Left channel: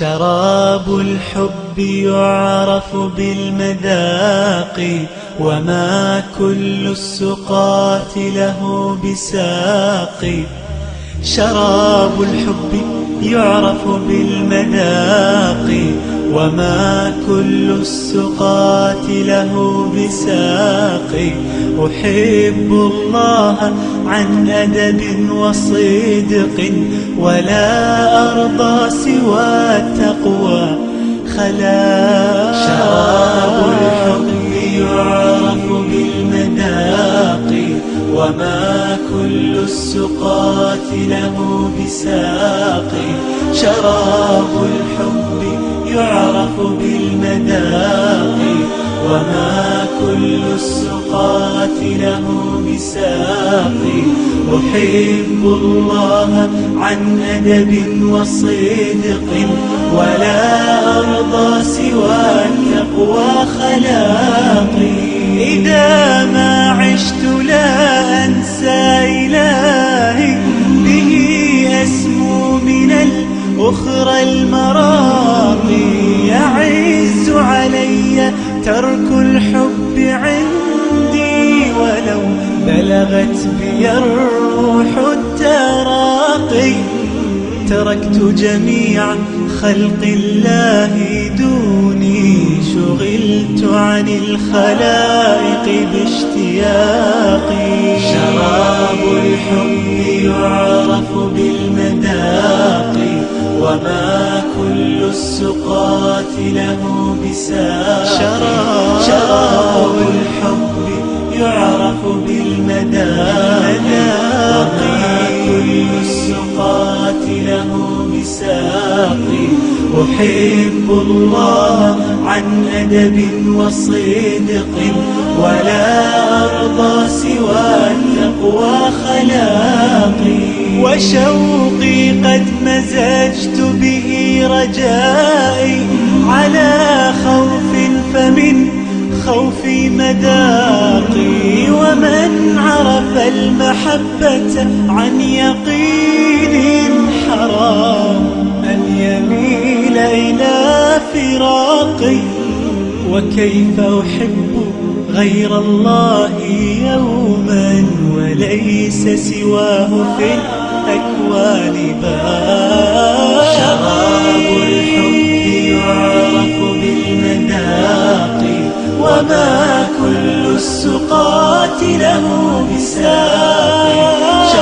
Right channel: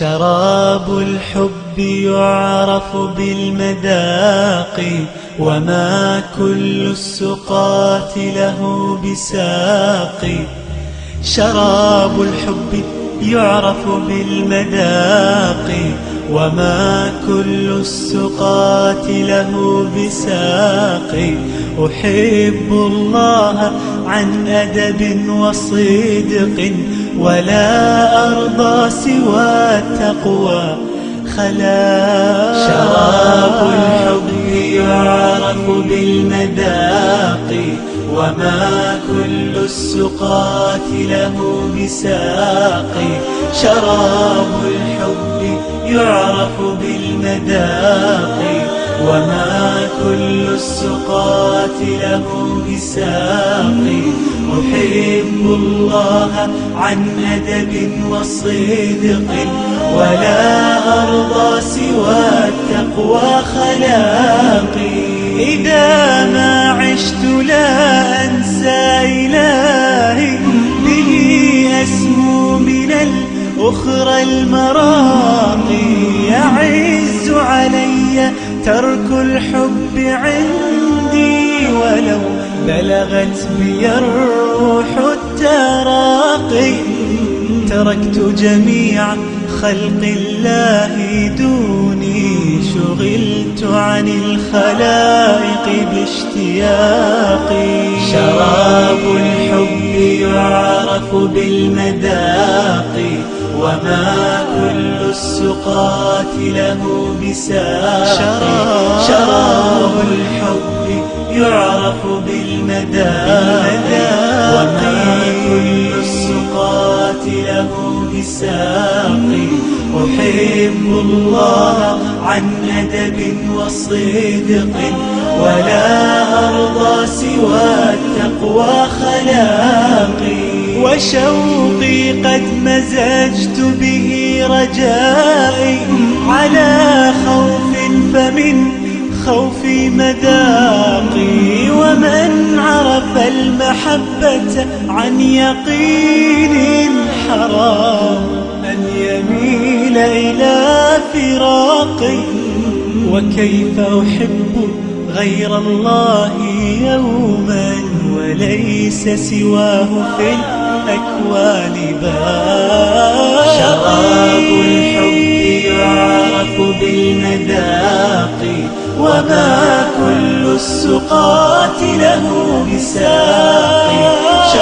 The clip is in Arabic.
شراب الحب يعرف بالمذاق، وما كل السقاة له بساق. شراب الحب يعرف بالمذاق، وما كل السقاة له بساق. أحب الله عن أدب وصدق، ولا أرضى سوى التقوى خلاق. شراب الحب يعرف بالمذاق، وما كل السقاة له بساق. شراب الحب يعرف بالمذاق، وما كل السقاة له بساق. أحب الله عن أدب وصدق، ولا أرضى سوى التقوى خلاقي. إذا ما عشت لا أنسى إلهي، به أسمو من الأخرى المراقي. يعز علي ترك الحب عندي، ولو بلغت بي الروح التراقي. تركت جميع خلق الله دوني، شغلت عن الخلائق باشتياقي. شراب الحب يعرف بالمذاق، وما كل السقاة له بساق. شراب الحب يعرف بالمذاق، كل السقاة له بساق. أحب الله عن أدب وصدق، ولا أرضى سوى التقوى خلاقي. وشوقي قد مزجت به رجائي، على خوف فمن خوفي مذاقي. ومن عرف المحبة عن يقين، حرام أن يميل إلى فراقي. وكيف أحب غير الله يوما، وليس سواه في الأكوان باقي. شراب الحب يعرف بالمذاق، وما كل السقاة له بساق.